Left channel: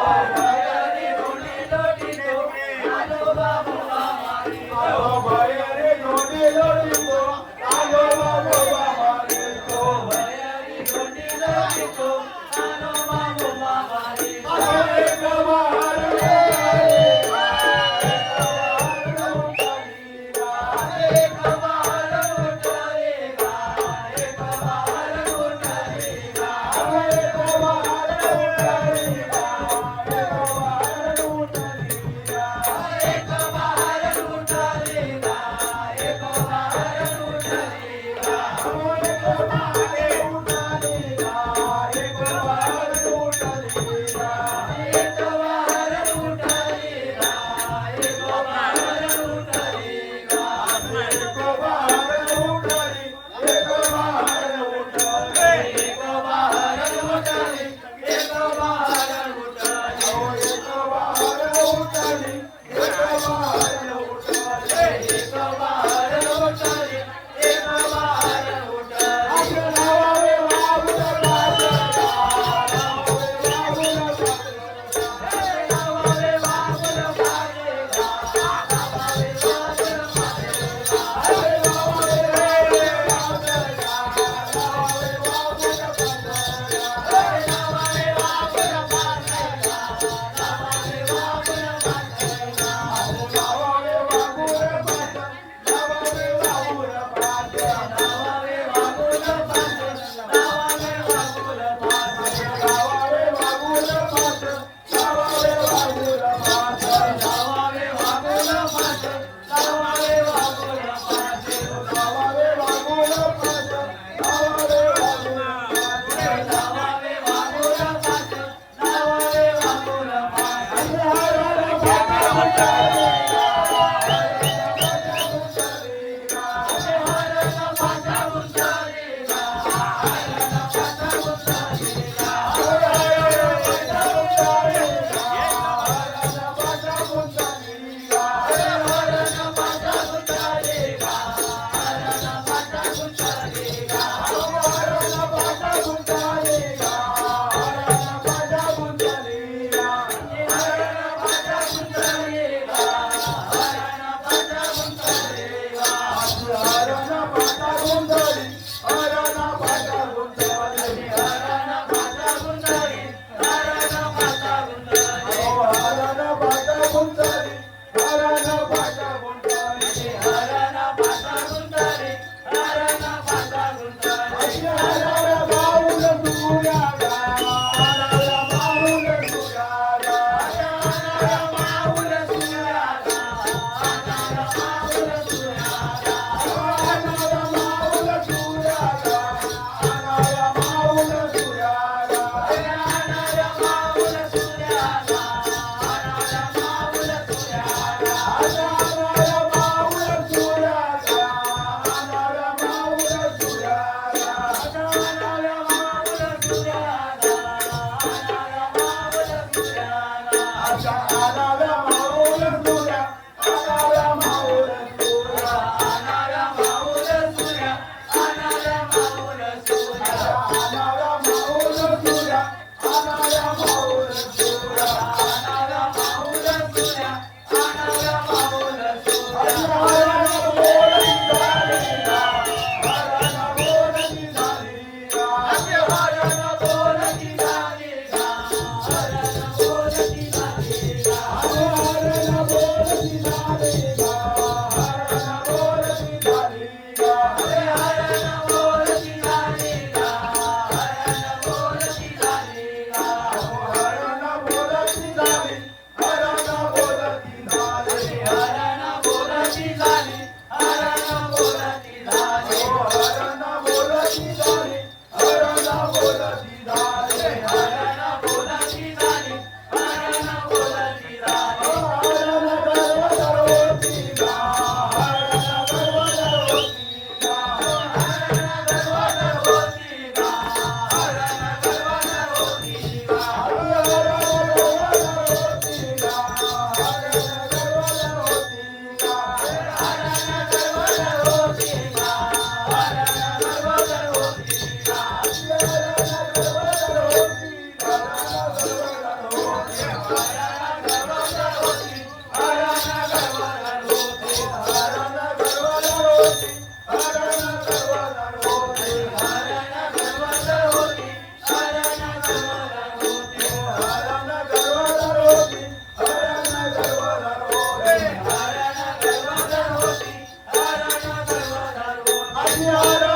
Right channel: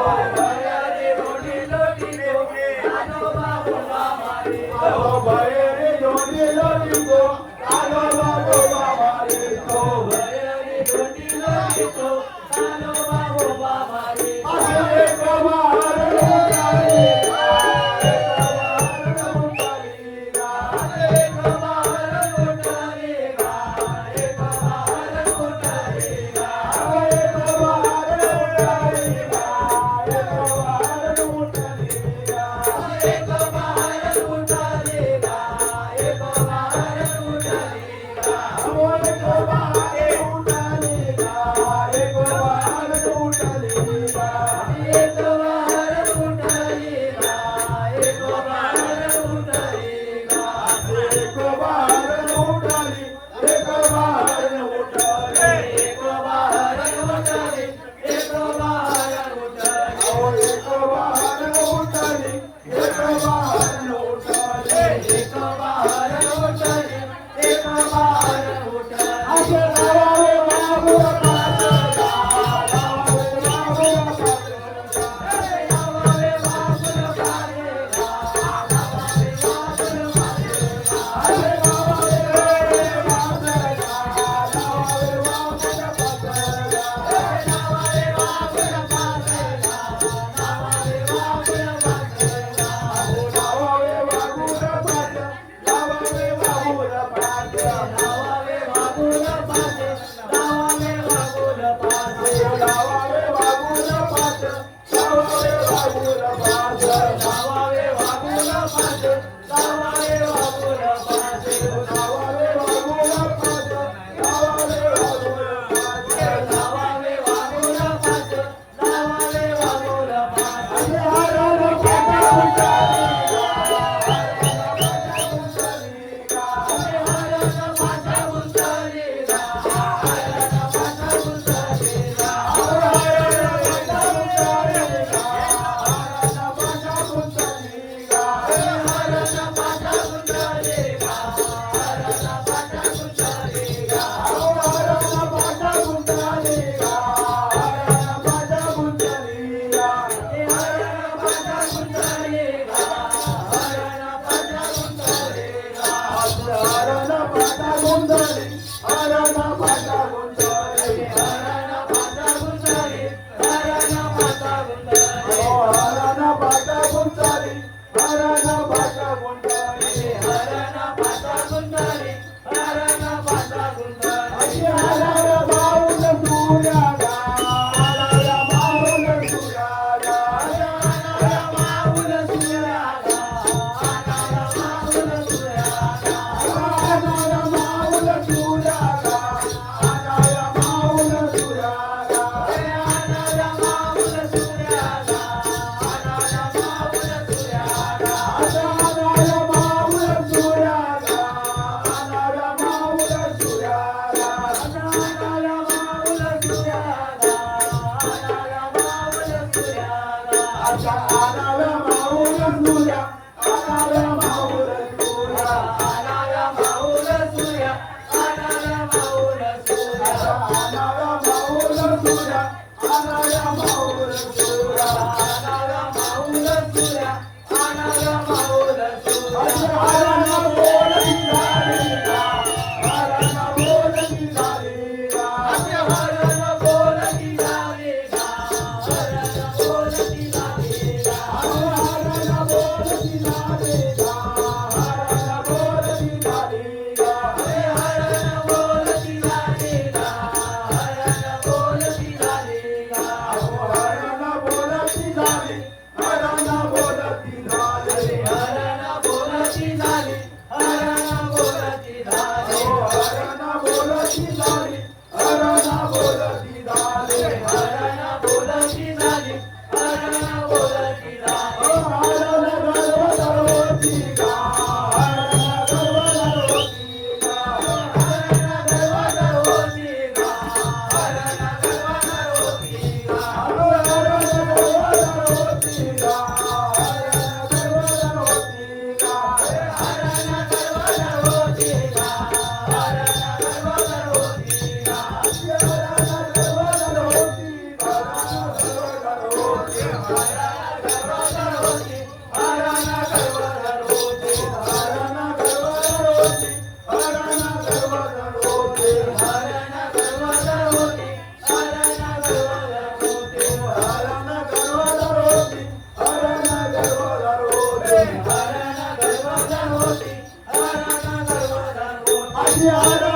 Amen. Bye. la la. Glory. Yeah.